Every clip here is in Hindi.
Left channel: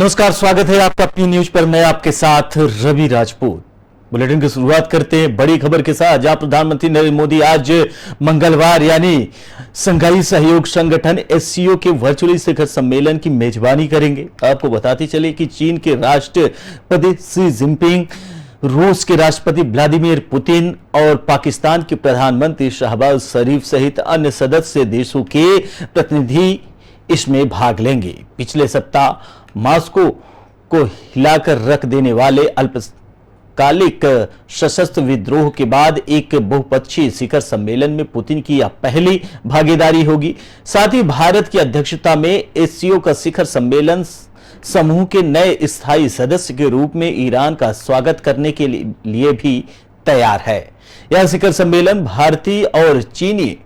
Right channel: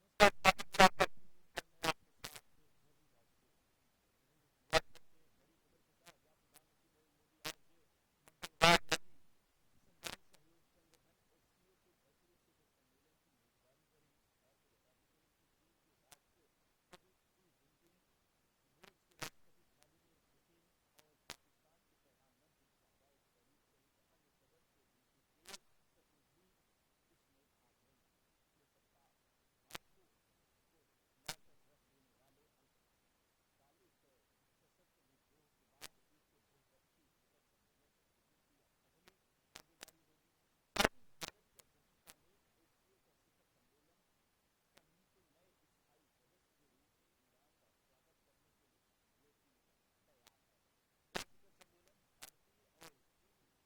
नमस्कार, स्वागत है आपका अपनी न्यूज पर। मैं आपके साथ रवि राजपूत। बुलेटिन की शुरुआत करते हैं बड़ी खबर के साथ, जहां प्रधानमंत्री नरेंद्र मोदी आज मंगलवार यानी शंघाई सहयोग संगठन एससीओ के वर्चुअली शिखर सम्मेलन की मेजबानी करेंगे। आपको बताते चले कि चीन के राष्ट्रपति शी जिनपिंग, रूस के राष्ट्रपति व्लादिमीर पुतिन और पाकिस्तान के प्रधानमंत्री शहबाज शरीफ सहित अन्य सदस्य देशों के प्रतिनिधि इसमें भाग लेंगे। पिछले सप्ताह मॉस्को को हिलाकर रख देने वाले अल्पकालिक सशस्त्र विद्रोह के बाद एक बहुपक्षीय शिखर सम्मेलन में पुतिन की यह पहली भागीदारी होगी। साथ ही भारत की अध्यक्षता में एससीओ का शिखर सम्मेलन समूह के नए स्थायी सदस्य के रूप में ईरान का स्वागत करने के लिए भी तैयार है। यह शिखर सम्मेलन भारतीय और चीनी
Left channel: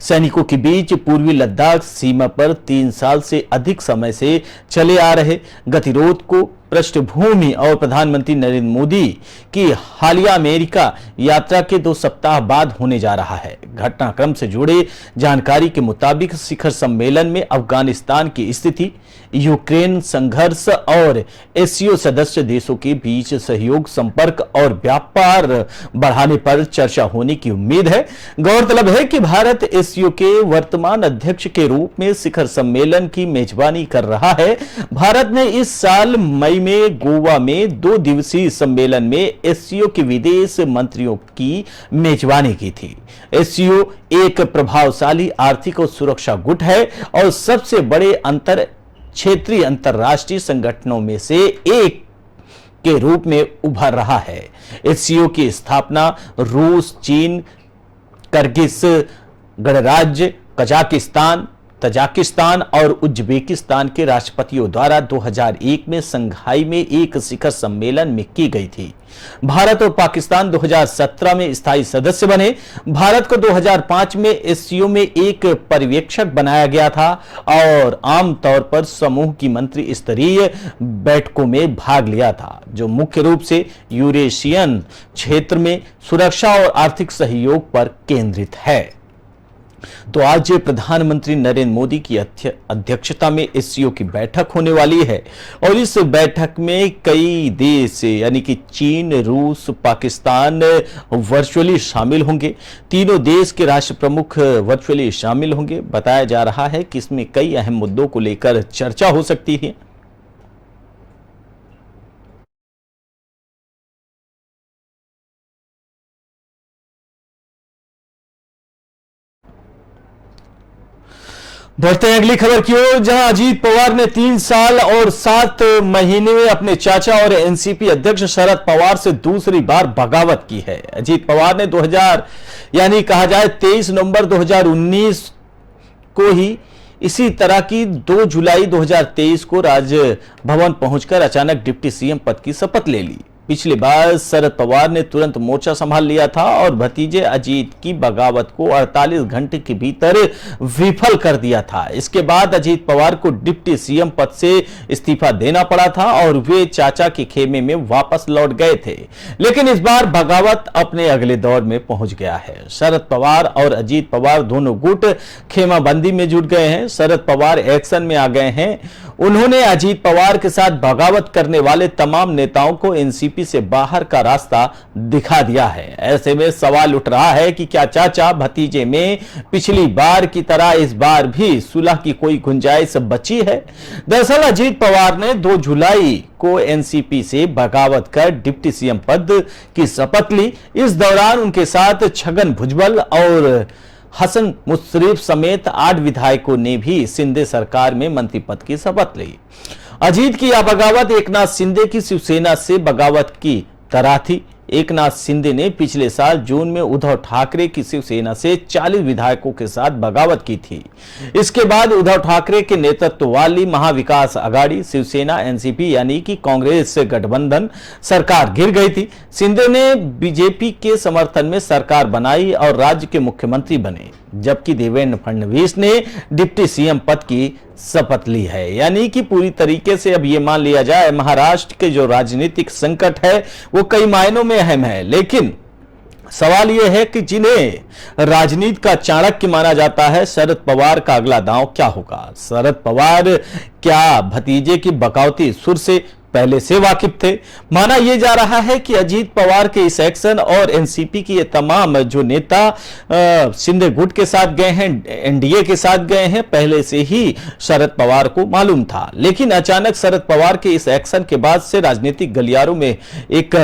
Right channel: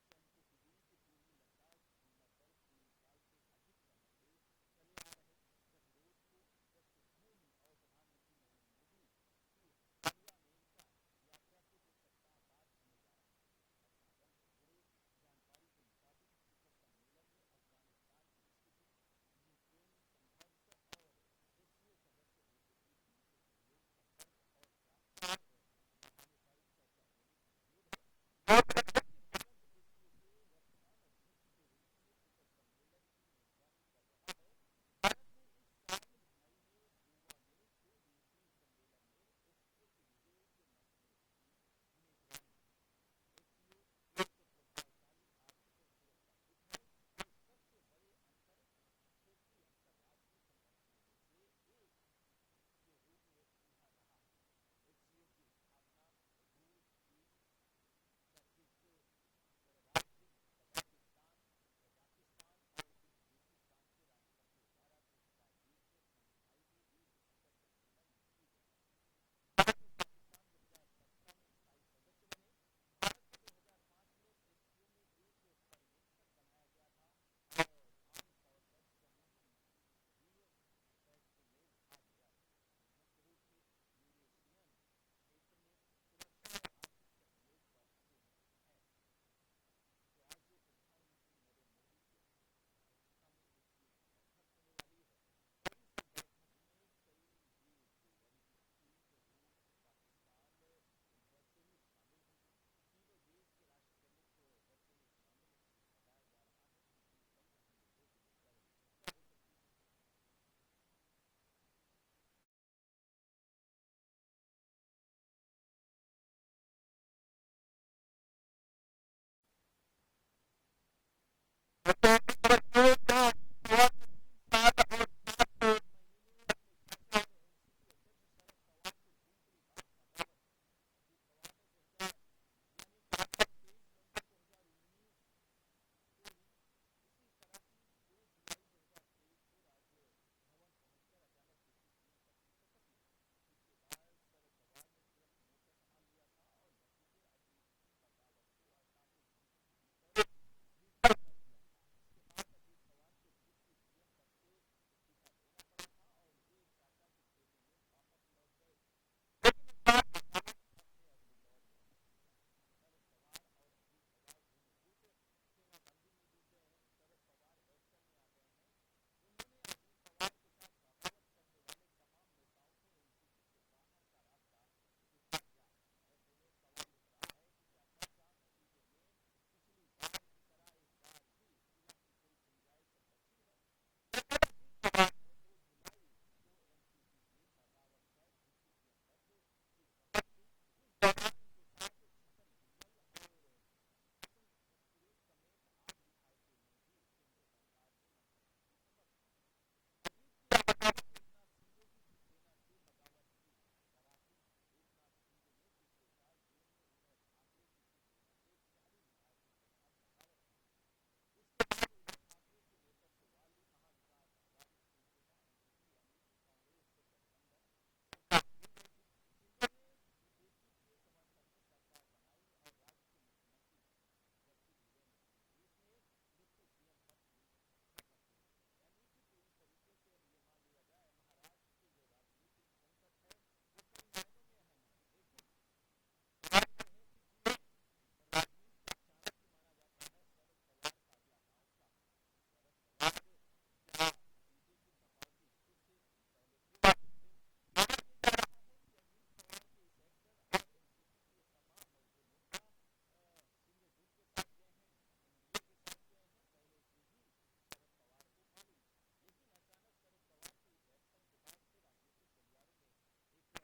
सैनिकों के बीच पूर्वी लद्दाख सीमा पर 3 साल से अधिक समय से चले आ रहे गतिरोध को पृष्ठभूमि और प्रधानमंत्री नरेंद्र मोदी की हालिया अमेरिका यात्रा के 2 सप्ताह बाद होने जा रहा है। घटनाक्रम से जुड़े जानकारी के मुताबिक शिखर सम्मेलन में अफगानिस्तान की स्थिति, यूक्रेन संघर्ष और एससीओ सदस्य देशों के बीच सहयोग, संपर्क और व्यापार बढ़ाने पर चर्चा होने की उम्मीद है। गौरतलब है कि भारत एससीओ के वर्तमान अध्यक्ष के रूप में शिखर सम्मेलन की मेजबानी कर रहा है। भारत ने इस साल मई में गोवा में 2 दिवसीय सम्मेलन में एससीओ के विदेश मंत्रियों की मेजबानी की थी। एससीओ एक प्रभावशाली आर्थिक और सुरक्षा गुट है और सबसे बड़े क्षेत्रीय अंतरराष्ट्रीय संगठनों में से एक के रूप में उभर रहा है। एससीओ की स्थापना रूस, चीन, किर्गिज गणराज्य, तजाकिस्तान और उज्बेकिस्तान के राष्ट्रपतियों द्वारा 2001 में शंघाई में एक शिखर सम्मेलन में की गई थी। भारत और पाकिस्तान 2017 में स्थायी सदस्य बने। भारत को 2005 में एससीओ में एक पर्यवेक्षक बनाया गया था और आमतौर पर समूह की मंत्री स्तरीय बैठकों में भाग लिया था, जो मुख्य रूप से यूरेशियन क्षेत्र में सुरक्षा और आर्थिक सहयोग पर केंद्रित है। तो आज प्रधानमंत्री नरेंद्र मोदी की अध्यक्षता में एससीओ की बैठक होने वाली है और इस बैठक में कई देश यानी कि चीन, रूस, पाकिस्तान वर्चुअली शामिल होंगे। तीनों देश के राष्ट्र प्रमुख वर्चुअली शामिल होंगे। बताया जा रहा है कि इसमें कई अहम मुद्दों को लेकर चर्चा हो सकती है। बढ़ते हैं अगली खबर की ओर, जहां अजीत पवार ने 3 साल और 7 महीने में अपने चाचा और एनसीपी अध्यक्ष शरद पवार से दूसरी बार बगावत की है। अजीत पवार ने 2000 यानी कहा जाए 23 नवंबर 2019 को ही इसी तरह की 2 जुलाई 2023 को राजभवन पहुंचकर अचानक डिप्टी सीएम पद की शपथ ले ली। पिछली बार शरद पवार ने तुरंत मोर्चा संभाल लिया था और भतीजे अजीत की बगावत को 48 घंटे के भीतर विफल कर दिया था। इसके बाद अजीत पवार को डिप्टी सीएम पद से इस्तीफा देना पड़ा था और वे चाचा के खेमे में वापस लौट गए थे। लेकिन इस बार बगावत अपने अगले दौर में पहुंच गया है। शरद पवार और अजीत पवार दोनों गुट खेमाबंदी में जुट गए हैं। शरद पवार एक्शन में आ गए हैं। उन्होंने अजीत पवार के साथ बगावत करने वाले तमाम नेताओं को एनसीपी से बाहर का रास्ता दिखा दिया है। ऐसे में सवाल उठ रहा है कि क्या चाचा भतीजे में पिछली बार की तरह इस बार भी सुलह की कोई गुंजाइश बची है? दरअसल अजीत पवार ने 2 जुलाई को एनसीपी से बगावत कर डिप्टी सीएम पद की शपथ ली। इस दौरान उनके साथ छगन भुजबल और हसन मुश्रीफ समेत 8 विधायकों ने भी शिंदे सरकार में मंत्री पद की शपथ ली। अजीत की यह बगावत एकनाथ शिंदे की शिवसेना से बगावत की तरह थी। एकनाथ शिंदे ने पिछले साल जून में उद्धव ठाकरे की शिवसेना से 40 विधायकों के साथ बगावत की थी। इसके बाद उद्धव ठाकरे के नेतृत्व वाली महाविकास आघाड़ी शिवसेना एनसीपी यानी कि कांग्रेस गठबंधन सरकार गिर गई थी। शिंदे ने बीजेपी के समर्थन में सरकार बनाई और राज्य के मुख्यमंत्री बने, जबकि देवेंद्र फडणवीस ने डिप्टी सीएम पद की शपथ ली है। यानी कि पूरी तरीके से अब यह मान लिया जाए महाराष्ट्र के जो राजनीतिक संकट है वो कई मायनों में अहम है, लेकिन सवाल यह है कि जिन्हें राजनीति का चाणक्य माना जाता है, शरद पवार का अगला दांव क्या होगा? शरद पवार क्या भतीजे की बगावती सुर से पहले से वाकिफ थे? माना यह जा रहा है कि अजीत पवार के इस एक्शन और एनसीपी की ये तमाम जो नेता शिंदे गुट के साथ गए हैं, एनडीए के साथ गए हैं, पहले से ही शरद पवार को मालूम था। लेकिन अचानक शरद पवार के इस एक्शन के बाद से राजनीतिक गलियारों में एक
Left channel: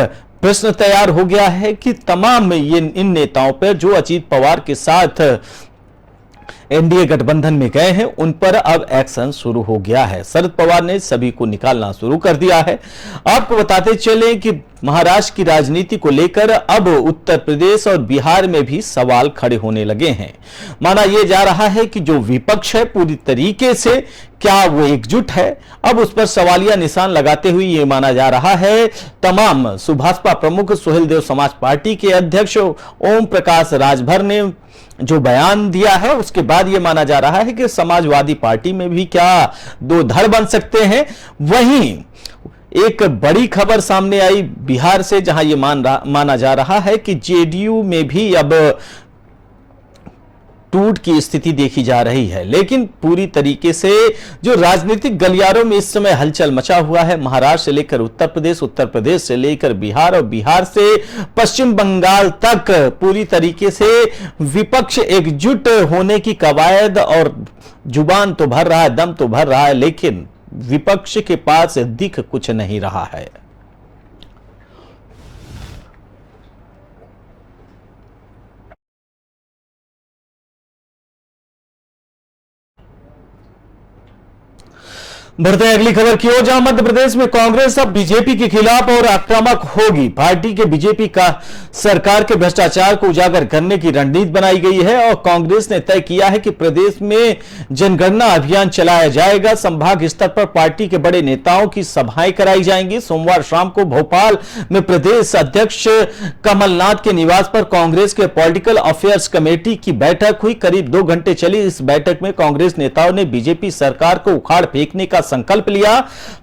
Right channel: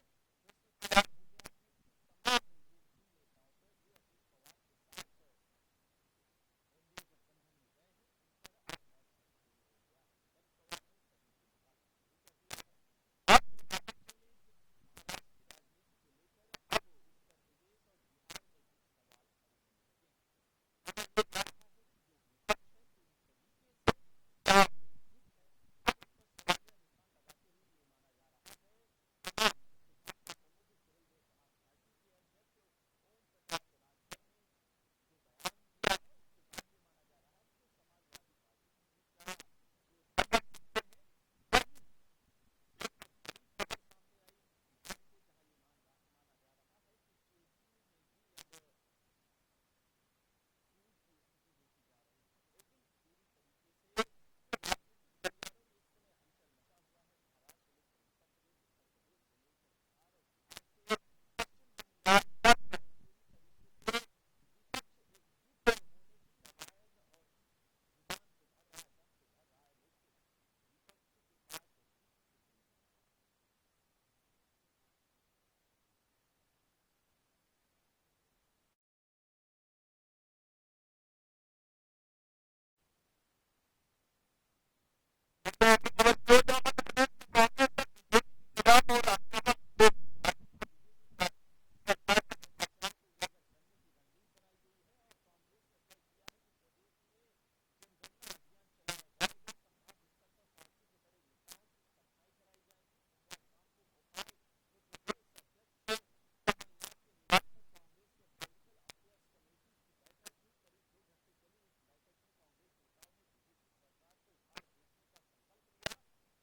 प्रश्न तैयार हो गया है कि तमाम इन नेताओं पर जो अजीत पवार के साथ एनडीए गठबंधन में गए हैं, उन पर अब एक्शन शुरू हो गया है। शरद पवार ने सभी को निकालना शुरू कर दिया है। आपको बताते चले कि महाराष्ट्र की राजनीति को लेकर अब उत्तर प्रदेश और बिहार में भी सवाल खड़े होने लगे हैं। माना यह जा रहा है कि जो विपक्ष है पूरी तरीके से क्या वो एकजुट है? अब उस पर सवालिया निशान लगाते हुए यह माना जा रहा है तमाम सुभाषपा प्रमुख सुहेलदेव समाज पार्टी के अध्यक्ष ओम प्रकाश राजभर ने जो बयान दिया है, उसके बाद यह माना जा रहा है कि समाजवादी पार्टी में भी क्या दो धड़ बन सकते हैं। वहीं एक बड़ी खबर सामने आई बिहार से, जहां यह माना जा रहा है कि जेडीयू में भी अब टूट की स्थिति देखी जा रही है। लेकिन पूरी तरीके से जो राजनीतिक गलियारों में इस समय हलचल मचा हुआ है, महाराष्ट्र से लेकर उत्तर प्रदेश से लेकर बिहार और बिहार से पश्चिम बंगाल तक पूरी तरीके से विपक्ष एकजुट होने की कवायद, और जुबान तो भर रहा है, दम तो भर रहा है, लेकिन विपक्ष के पास दिख कुछ नहीं रहा है। बढ़ते हैं अगली खबर की ओर, जहां मध्य प्रदेश में कांग्रेस अब बीजेपी के खिलाफ और आक्रामक होगी। पार्टी के बीजेपी का सरकार के भ्रष्टाचार को उजागर करने की रणनीति बनाई गई है और कांग्रेस ने तय किया है कि प्रदेश में जनगणना अभियान चलाया जाएगा। संभाग स्तर पर पार्टी के बड़े नेताओं की सभाएं कराई जाएंगी। सोमवार शाम को भोपाल में प्रदेश अध्यक्ष कमलनाथ के निवास पर कांग्रेस के पॉलिटिकल अफेयर्स कमेटी की बैठक हुई। करीब 2 घंटे चली इस बैठक में कांग्रेस नेताओं ने बीजेपी सरकार को उखाड़ फेंकने का संकल्प लिया,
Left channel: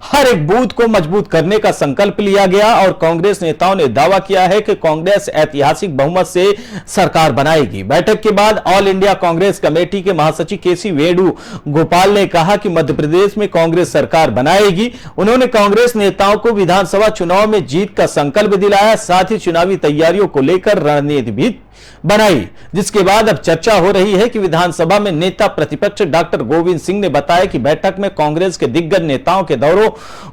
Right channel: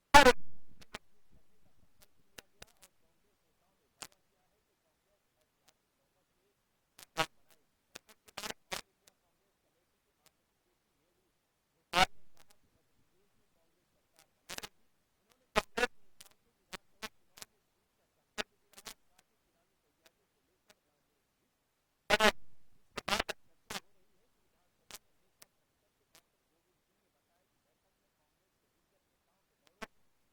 हर एक बूथ को मजबूत करने का संकल्प लिया गया और कांग्रेस नेताओं ने दावा किया है कि कांग्रेस ऐतिहासिक बहुमत से सरकार बनाएगी। बैठक के बाद ऑल इंडिया कांग्रेस कमेटी के महासचिव केसी वेणुगोपाल ने कहा कि मध्य प्रदेश में कांग्रेस सरकार बनाएगी। उन्होंने कांग्रेस नेताओं को विधानसभा चुनाव में जीत का संकल्प दिलाया, साथ ही चुनावी तैयारियों को लेकर रणनीति भी बनाई। जिसके बाद अब चर्चा हो रही है कि विधानसभा में नेता प्रतिपक्ष डॉक्टर गोविंद सिंह ने बताया कि बैठक में कांग्रेस के दिग्गज नेताओं के दौरों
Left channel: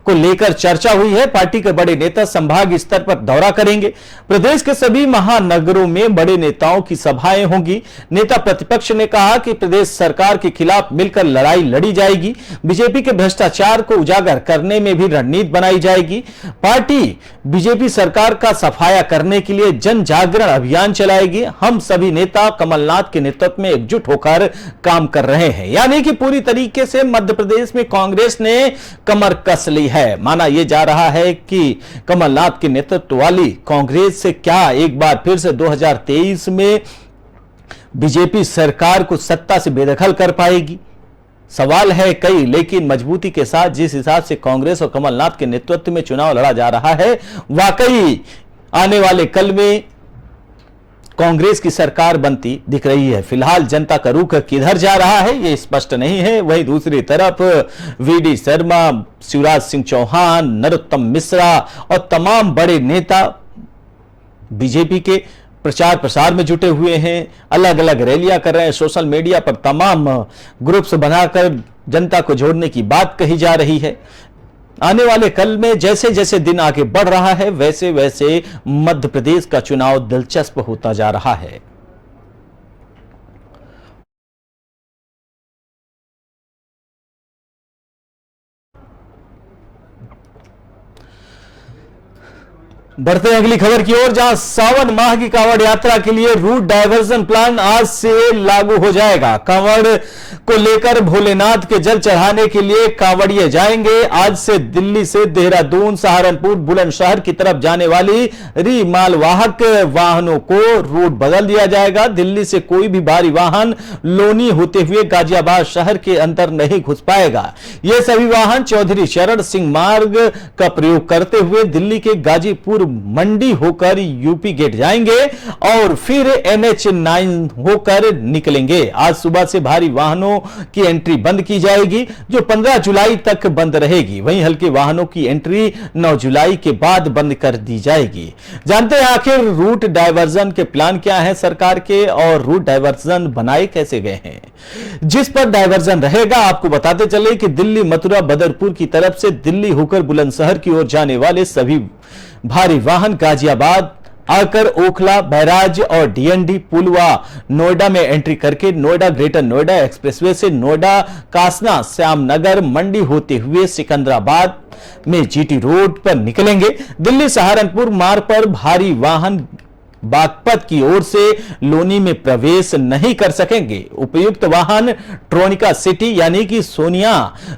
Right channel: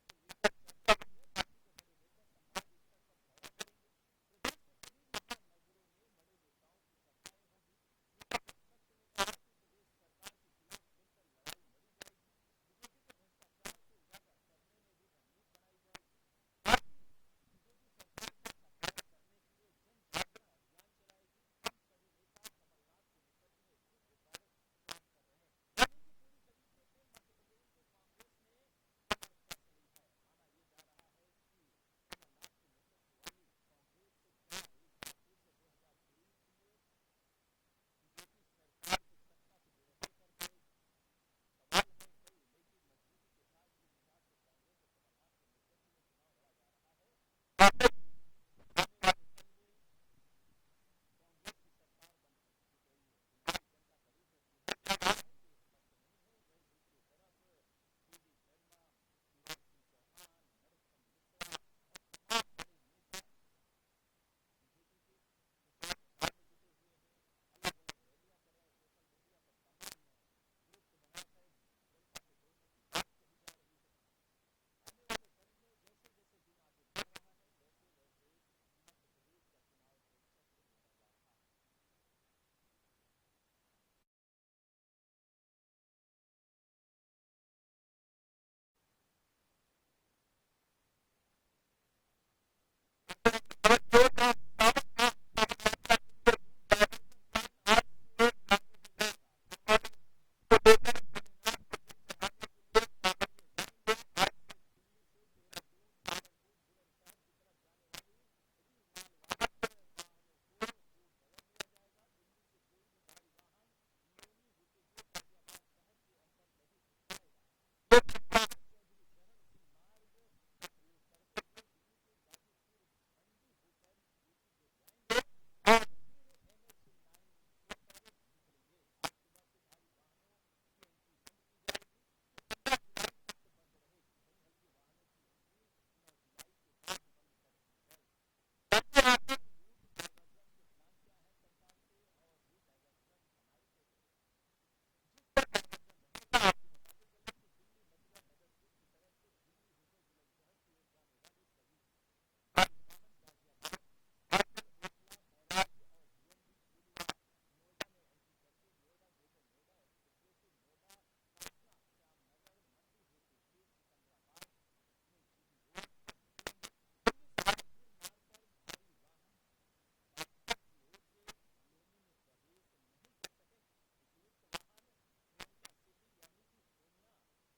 को लेकर चर्चा हुई है। पार्टी के बड़े नेता संभाग स्तर पर दौरा करेंगे। प्रदेश के सभी महानगरों में बड़े नेताओं की सभाएं होंगी। नेता प्रतिपक्ष ने कहा कि प्रदेश सरकार के खिलाफ मिलकर लड़ाई लड़ी जाएगी। बीजेपी के भ्रष्टाचार को उजागर करने में भी रणनीति बनाई जाएगी। पार्टी बीजेपी सरकार का सफाया करने के लिए जन जागरण अभियान चलाएगी। हम सभी नेता कमलनाथ के नेतृत्व में एकजुट होकर काम कर रहे हैं। यानी कि पूरी तरीके से मध्य प्रदेश में कांग्रेस ने कमर कस ली है। माना यह जा रहा है कि कमलनाथ के नेतृत्व वाली कांग्रेस से क्या एक बार फिर से 2023 में बीजेपी सरकार को सत्ता से बेदखल कर पाएगी? सवाल है कई, लेकिन मजबूती के साथ जिस हिसाब से कांग्रेस और कमलनाथ के नेतृत्व में चुनाव लड़ा जा रहा है, वाकई आने वाले कल में कांग्रेस की सरकार बनती दिख रही है। फिलहाल जनता का रुख किधर जा रहा है ये स्पष्ट नहीं है। वहीं दूसरी तरफ वीडी शर्मा, शिवराज सिंह चौहान, नरोत्तम मिश्रा और तमाम बड़े नेता बीजेपी के प्रचार प्रसार में जुटे हुए हैं, अलग अलग रैलियां कर रहे हैं। सोशल मीडिया पर तमाम ग्रुप्स बनाकर जनता को जोड़ने की बात कही जा रही है। आने वाले कल में जैसे जैसे दिन आगे बढ़ रहा है, वैसे वैसे मध्य प्रदेश का चुनाव दिलचस्प होता जा रहा है। बढ़ते हैं अगली खबर की ओर, जहां सावन माह की कांवड़ यात्रा के लिए रूट डायवर्जन प्लान आज से लागू हो जाएगा। कांवड़ को लेकर भोलेनाथ के जल चढ़ाने के लिए कांवड़िए जाएंगे। आज से दिल्ली से देहरादून, सहारनपुर, बुलंदशहर की तरफ जाने वाली री मालवाहक वाहनों को रूट बदल दिया जाएगा। दिल्ली से कोई भी भारी वाहन लोनी होते हुए गाजियाबाद शहर के अंदर नहीं घुस पाएगा। ये सभी वाहन चौधरी चरण सिंह मार्ग का प्रयोग करते हुए दिल्ली के गाजीपुर मंडी होकर यूपी गेट जाएंगे और फिर NH9 होकर निकलेंगे। आज सुबह से भारी वाहनों की एंट्री बंद की जाएगी, जो 15 जुलाई तक बंद रहेगी। वहीं हल्के वाहनों की एंट्री 9 जुलाई के बाद बंद कर दी जाएगी। जानते हैं आखिर रूट डायवर्जन के प्लान क्या है सरकार के और रूट डायवर्जन बनाए कैसे गए हैं। जिस पर डायवर्जन रहेगा, आपको बताते चले कि दिल्ली मथुरा बदरपुर की तरफ से दिल्ली होकर बुलंदशहर की ओर जाने वाले सभी भारी वाहन गाजियाबाद आकर ओखला, बैराज और DND पुलवा नोएडा में एंट्री करके नोएडा ग्रेटर नोएडा एक्सप्रेसवे से नोएडा कासना श्यामनगर मंडी होते हुए सिकंदराबाद में GT रोड पर निकलेंगे। दिल्ली सहारनपुर मार्ग पर भारी वाहन बागपत की ओर से लोनी में प्रवेश नहीं कर सकेंगे। उपयुक्त वाहन ट्रोनिका सिटी यानी कि सोनिया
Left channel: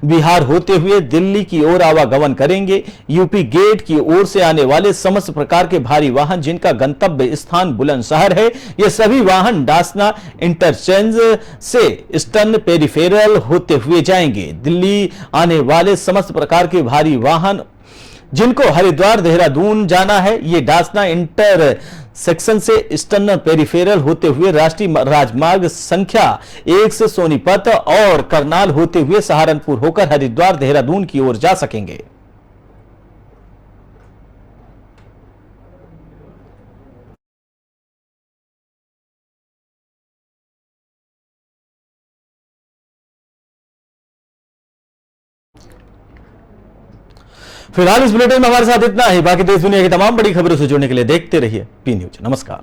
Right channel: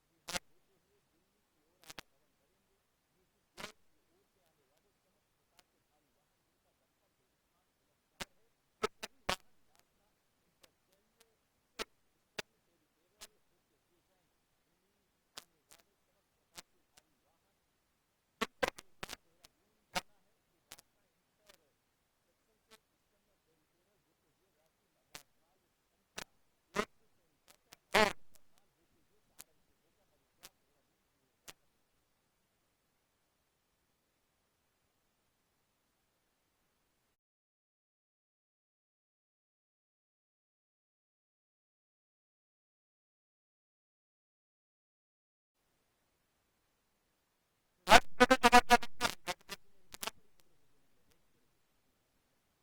बिहार होते हुए दिल्ली की ओर आवागमन करेंगे। यूपी गेट की ओर से आने वाले समस्त प्रकार के भारी वाहन जिनका गंतव्य स्थान बुलंदशहर है, ये सभी वाहन डासना इंटरचेंज से ईस्टर्न पेरिफेरल होते हुए जाएंगे। दिल्ली आने वाले समस्त प्रकार के भारी वाहन जिनको हरिद्वार देहरादून जाना है, ये डासना इंटर सेक्शन से ईस्टर्न पेरिफेरल होते हुए राष्ट्रीय राजमार्ग संख्या 1 से सोनीपत और करनाल होते हुए सहारनपुर होकर हरिद्वार देहरादून की ओर जा सकेंगे। फिलहाल इस बुलेटिन में हमारे साथ इतना ही। बाकी देश दुनिया की तमाम बड़ी खबरों से जुड़ने के लिए देखते रहिए P न्यूज। नमस्कार।